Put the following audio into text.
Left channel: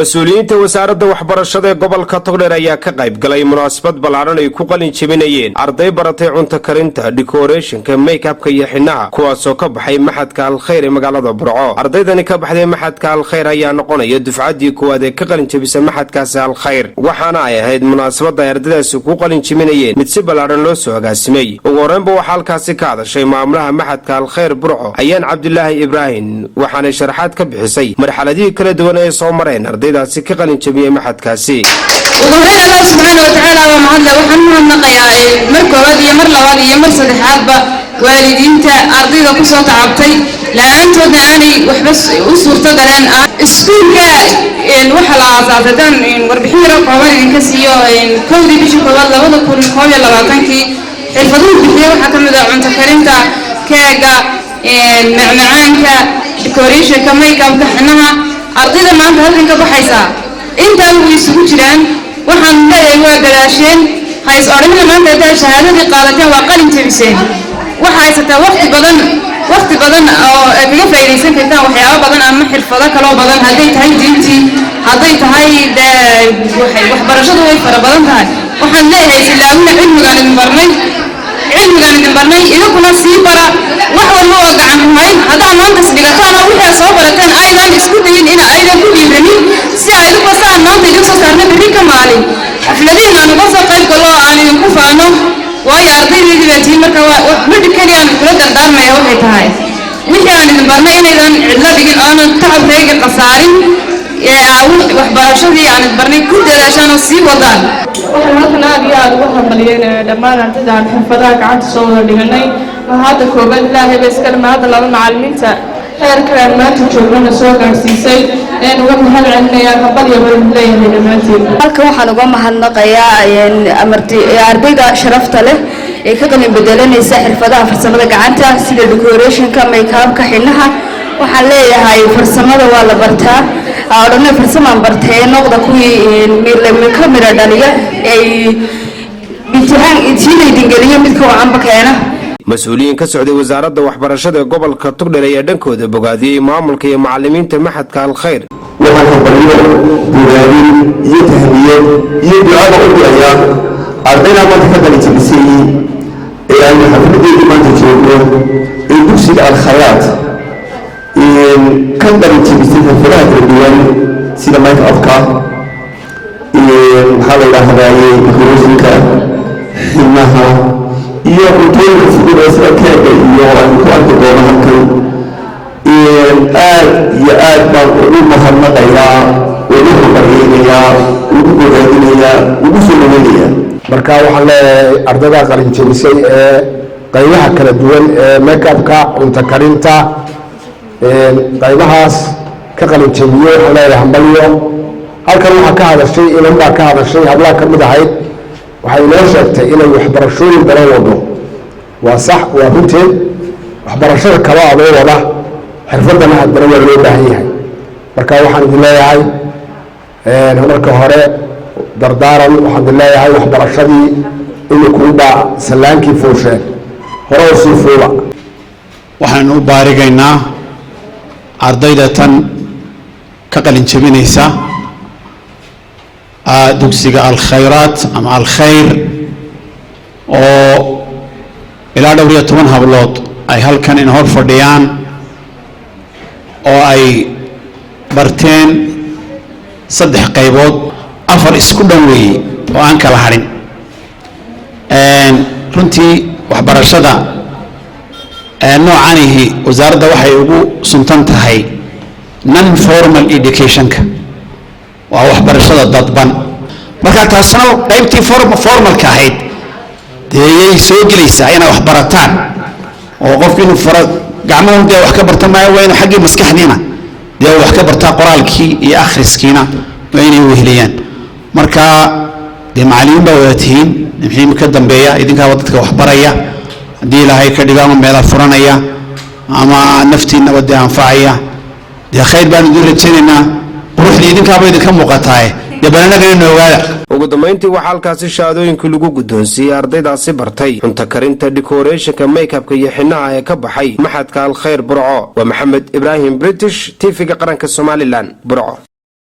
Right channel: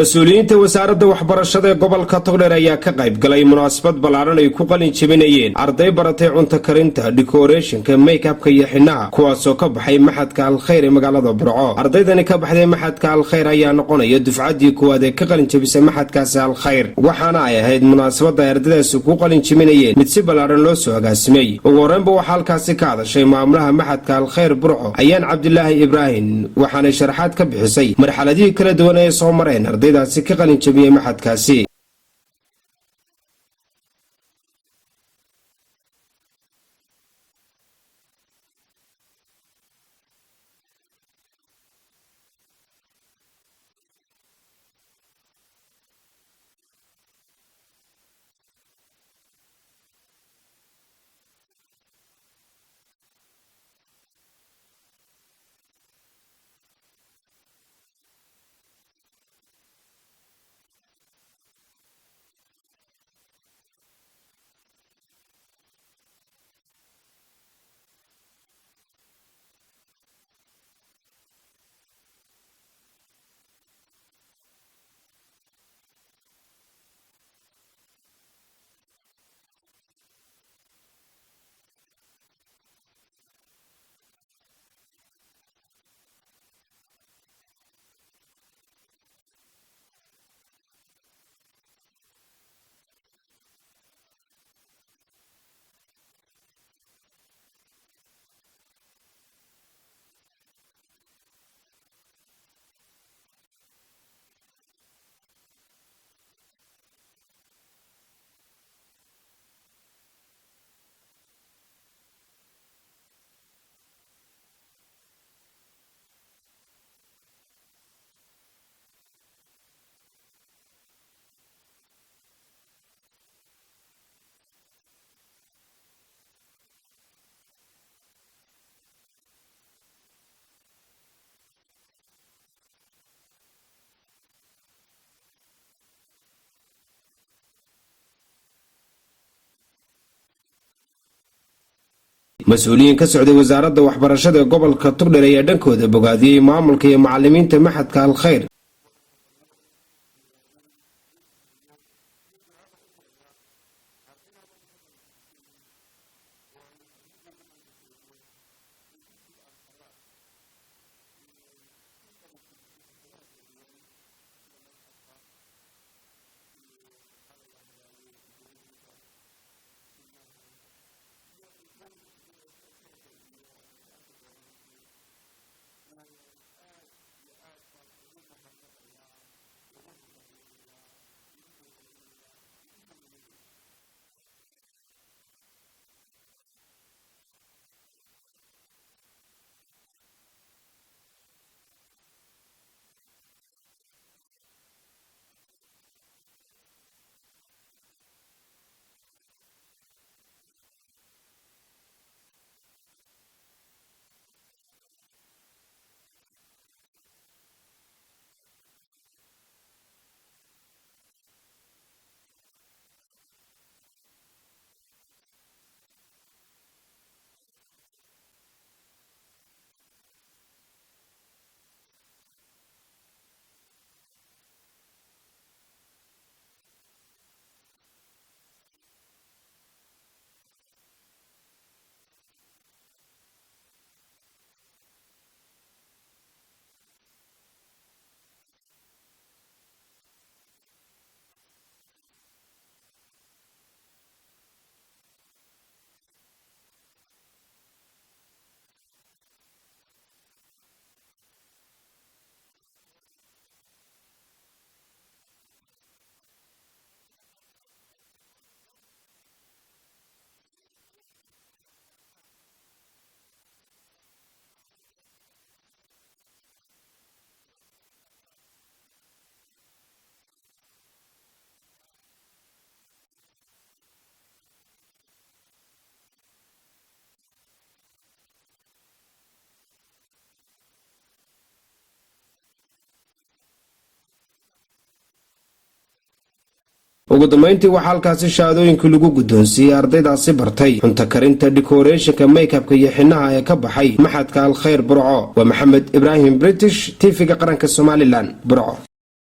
مسؤولينta wasaaradda waxbarashada ee gobolka Togdheer ayaa ka qayb galay munaasabad balaaran ay ku qalin jebinayeen arday baratay cunto karinta, decoration-ka, make-up-ka iyo xinaha kuwaas oo ka baxay maxadka Al-Khayr ee magaalada Burco. Ardaydani ka baxday maxadka Al-Khayr ayaa noqonaya dufcadii koowaad ee ka qalin jebisay maxadkaas Al-Khayr, waxaana ay ahayd munaasabad ay ardaydaasi ku qalin jebinayeen mid si balaaran loo soo agaasimay. Ugu horreynba waxaa halkaasi ka hadashay maamulaha maxadka Al-Khayr Burco ayaan Cabdilaahi Ibraahim, waxaana sharaxaad ka bixisay marxaladii kala duwan ee soo mareen ardaydaasi ka qalin jebiyay maxadkaasi. وظهرنا الله سبحانه وتعالى ومعدله وحنهم نقيا مركوبات iyo mar labaad iyo mar saddexaadba waalidiinta ardayda ku soo tacabtay laantoodna aanay waxba u suurto galeen iskuulka waxa la aasaasay warbixin yar oo kooban idinka siiyo kowdii bishii koowaad 2021 xirfaduhu bixiyay waxa kamid ah cunto karinta, keega, macmacaanka, decoration-ka, make-up-ka, xinaha. ardayda maanta halkan ka baxaysa inta way isugu jiraan waxaan leeyahay waa galaasheen hays oranina maanta ay shahaadadii qaadateen waa qalin jebiseen waxa haysata waqti badan oo kaga faa'iideysan kartaan waxyaabo badan ama xirfado kale oo badan haday tahay diintii haday tahay waxbarashadu way fara badan tahay waxaan leeyahay ilaawina cilmigaan idin barnay idinku sii bara wax walba oo gacan hayn hadaa maanta isdhigataan oo wixii soo barateen aydan isku dayin in aydan ku dhiiranin si ay u qasaan maanta idin soo saarna bari ka maalin xafladiina aan uga soo qayb galo aan idin ku faano way ardaydii baatiin marka mid kaliya aan kula dardaarmayo waxay tahay wixii aan idin barnay inaydan cidla dhigin oo aan tacab reega qasaarin waxbarashadii aan barnay ku dadaashaan oo sii wadaan waxaan halkan aad iyo aad ugu hambaliyeen dhammaan ardayda aan xirfadaha gacanta soo wada dhiganay mahadda koobaad ilaahay bay iska mahadda laba macallimiinta heerka aan maanta joognana soo gaarsiisay uga mahad celinayaa hambalyo badan leeyahay dhammaantiin halkan waxaan uga mahadnaqayaa ardayda sharafta leh ee ka qalin bedelanaysa xirfadaha farsamada gacanta sida decoration-ka, make-up-ka, xinaha. waxaan leeyahay farsamada waa la bartaa oodhanay farsamaan bartay noqda kuwii kamira dhaliya ay imtixaan idin geliyo midka wacanba keena. مسؤولين كسعودي وزارة وحبرشة قبل كتقدر يدنكو ذا بقادي معاملك يا معلمين تمحت كالخير. وهذا الطريق بقادي يتهنيه يدعى أيام أردنا ما تفضل تبسيه يعني حفظي ما تجيبه يدوسي الخيات كم بدي تبسيه في الفرات الدول سيدا ما يتأفكار هذا هذا يخرجك إنها iyo ujeedada sidoo keega iyo aan ku arki doono halkan aad baan ugu mahadnaqayaa ugu baryeelayaa ugu bogaadinayaa ugu soo dhaweynayaa marka waxaan leeyahay ardayda qalin jebisay ee qaybaha kala duwan ee make-up-ka, cunto karinta qaybahaas ka qalin jebiyo waxaan leeyahay hambalyo. halkan waxaa ka hadashay inan baa ka hadashay hablaha ka mid ahayd waxay inoo sheegtay inay waxbarashooyin badan wado waa sax waa runteed waxbarashada kale adoo wada xirfadana haddana waa loo baahan yahay marka waxaan idin leeyahay marka hore dardaaran waxaan idin leeyahay waxbarashadii imikuubaa salaankii fuusheen hore oo sii fuula. waxaan u baarigaynaa ardayda tan ka qalin jebinaysa dugsiga Al-Khayraat ama Al-Khayr oo ilaa 12 hablood ay halkan in hor fadhiyaan oo ay barteen 3 qaybood 4 isku dhaweey oo aan kala harin runtii waxbarashada noocanihi wasaaradda waxay ugu suntan tahay non formal education-ka waa waxbarashada dadban marka taasna qaybtii formalka ahayd deeyay soo gelaysaa inay wax barataan oo qofkii inuu fara gacmaha dee wax ka barta maayo waa inuu xaggii maskaxdiina dee wax ka bartaa qoraalkii iyo akhriskiina waa inay weheliyaan marka dee macallimiin baa wada tihiin maxay ka dambeeya idinkaa dadka wax baraya haddii ilaahay ka dhigo ama meelaha furanaya ama naftiina wada anfacaya dee khayr baan idin rajaynaynaa ruuxdii idinkaaba idinka muuqataay dee bananaga inuu ogaada. ugu dambeyntii waxaa halkaasi shahaadooyinkii lagu guddoonsiiyey ardaydaasi bartay cunto karinta, decoration-ka, make-up-ka iyo xinaha ee ka baxay maxadka Al-Khayr Burco. waa Maxamed Ibraahim British TV-ga qaranka Somaliland Burco.